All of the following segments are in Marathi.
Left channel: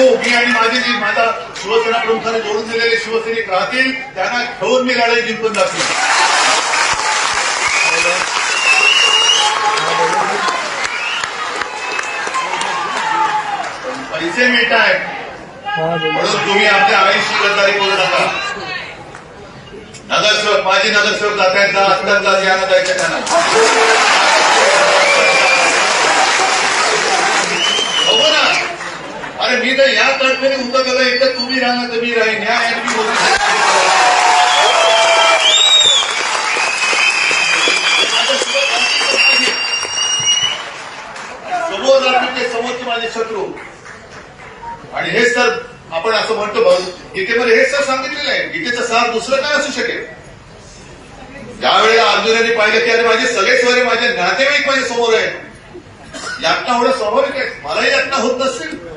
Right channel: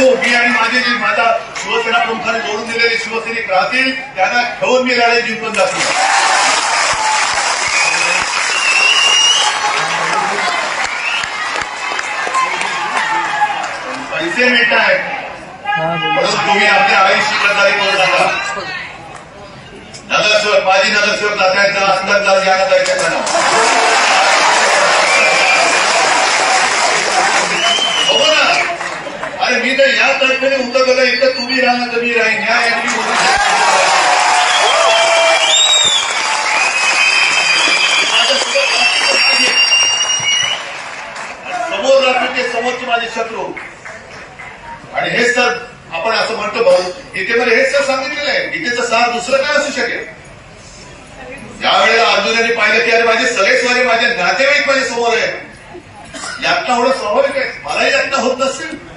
मी आणि माझे जे माझ्या शिवसेना प्रमुखाने जोडून दिलेले शिवसैनिक राहतील त्यांना ठेवून मी लढाई जिंकून दाखवेन पैसे मिळत आहेत. म्हणून तुम्ही आपल्या आईशी गद्दारी करू नका. नगरसेवक माजी नगरसेवक जात्यांचा असतात जात यानं जायचं त्यांना हो ना अरे मी तर या तर्फे उतरलो नाही एकदा तुम्ही राहा तर मी राहीन या यांनी मी समोरचे माझे शत्रू. आणि हे सर आपण असं म्हणतो भाऊ गीतेमध्ये हे सर सांगितलेलं आहे. गीतेचं सार दुसरं काय असू शकेल? यावेळेला अर्जुनाने पाहिलं की अरे माझे सगळे सगळे माझे नातेवाईक माझ्यासमोर आहेत. यातना होणं स्वाभाविक आहे? मलाही यातना होत नसेल?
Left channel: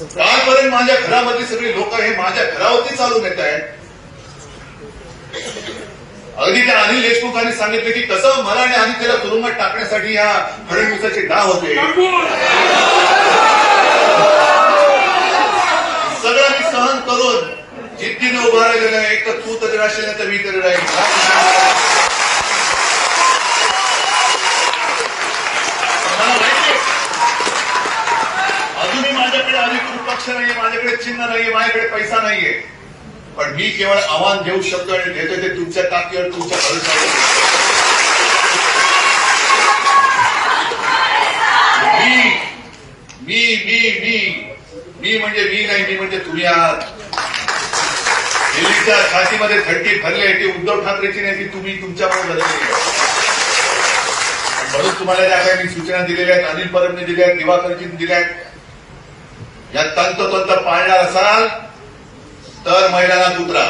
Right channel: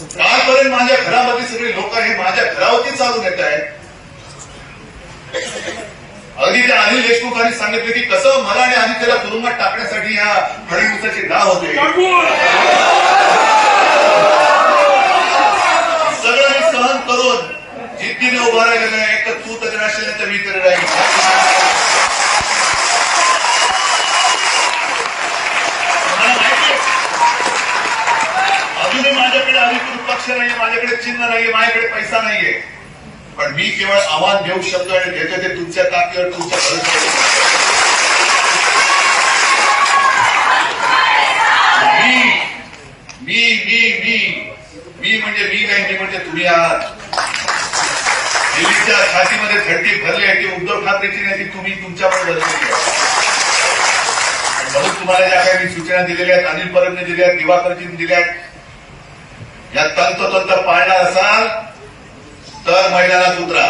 कालपर्यंत माझ्या घरामध्ये सगळे लोक हे माझ्या घरावरती चालून येत आहेत. अगदी त्या अनिल देशमुखांनी सांगितलं की कसं मला आणि त्याला तुरुंगात टाकण्यासाठी या फडणवीसाचे डाव होते. सगळ्यांनी सहन करून जिद्दीने उभा राहिलेलं आहे एक तर तू तरी राहशील नाही तर मी तरी राहील मला माहिती आहे. अजूनही माझ्याकडे अधिकृत पक्ष नाही माझ्याकडे चिन्ह नाही माझ्याकडे पैसा नाहीये. पण मी केवळ आव्हान देऊ शकतो आणि देतो ते तुमच्या ताकदीवर तुमच्या भरोसा मी मी मी मी मी म्हणजे मी नाही मी म्हणजे तुम्ही आहात. दिल्लीच्या छातीमध्ये थंडी भरली आहे ती उद्धव ठाकरेची नाही ती तुम्ही तुमच्यामुळे भरली म्हणून तुम्हाला ज्या काही सूचना दिलेल्या आहेत अनिल परबने दिल्या आहेत दिवाकरजीने दिल्या आहेत या तंतोतंत पाळणार असाल तर मैदानात उतरा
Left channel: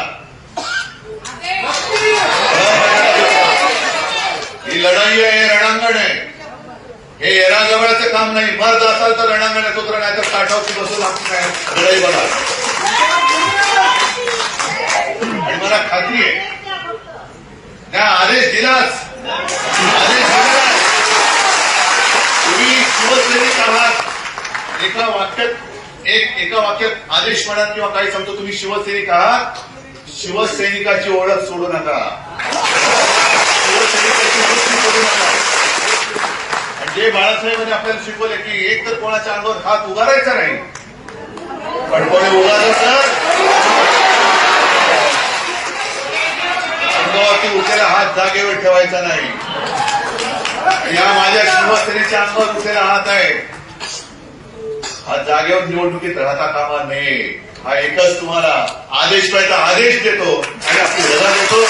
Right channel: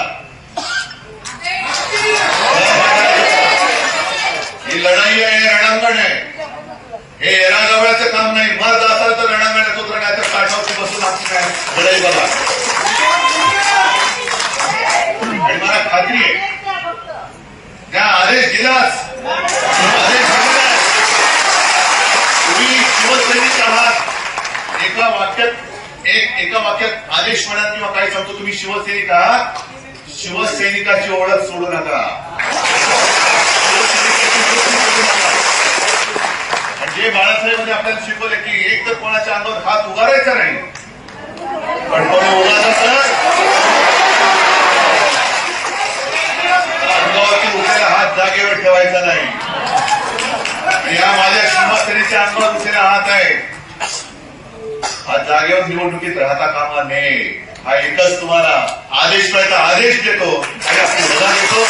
ही लढाई आहे रणांगण आहे. हे येणाजवळचं काम नाही. मर्द असाल तर रणांगणात उतरा नाही तर काठावरती बसून आपण लढाई बघा. आणि मला खात्री आहे त्या आदेश दिलास आदेश दिलास तुम्ही शिवसैनिक आहात. एका वाक्यात एक एका वाक्यात आदेश म्हणा किंवा काही सांगतो तुम्ही शिवसैनिक आहात शिवसैनिकाची ओळख सोडू नका. जे बाळासाहेबांनी आपल्याला शिकवले की एक तर कोणाच्या अंगावर हात उभारायचा नाही पण कोणी उगारलं तर? अंगावरती उठलेला हात जागेवर ठेवायचा नाही. या माझ्या शिवस्त्रीच्या अंगावर उठलेला हात आहे. हा जागेवर निवडणुकीत राहता कामा नये. हा एकच तुम्हाला आदेश पाहिजे आदेश देतो आणि आपण देतो.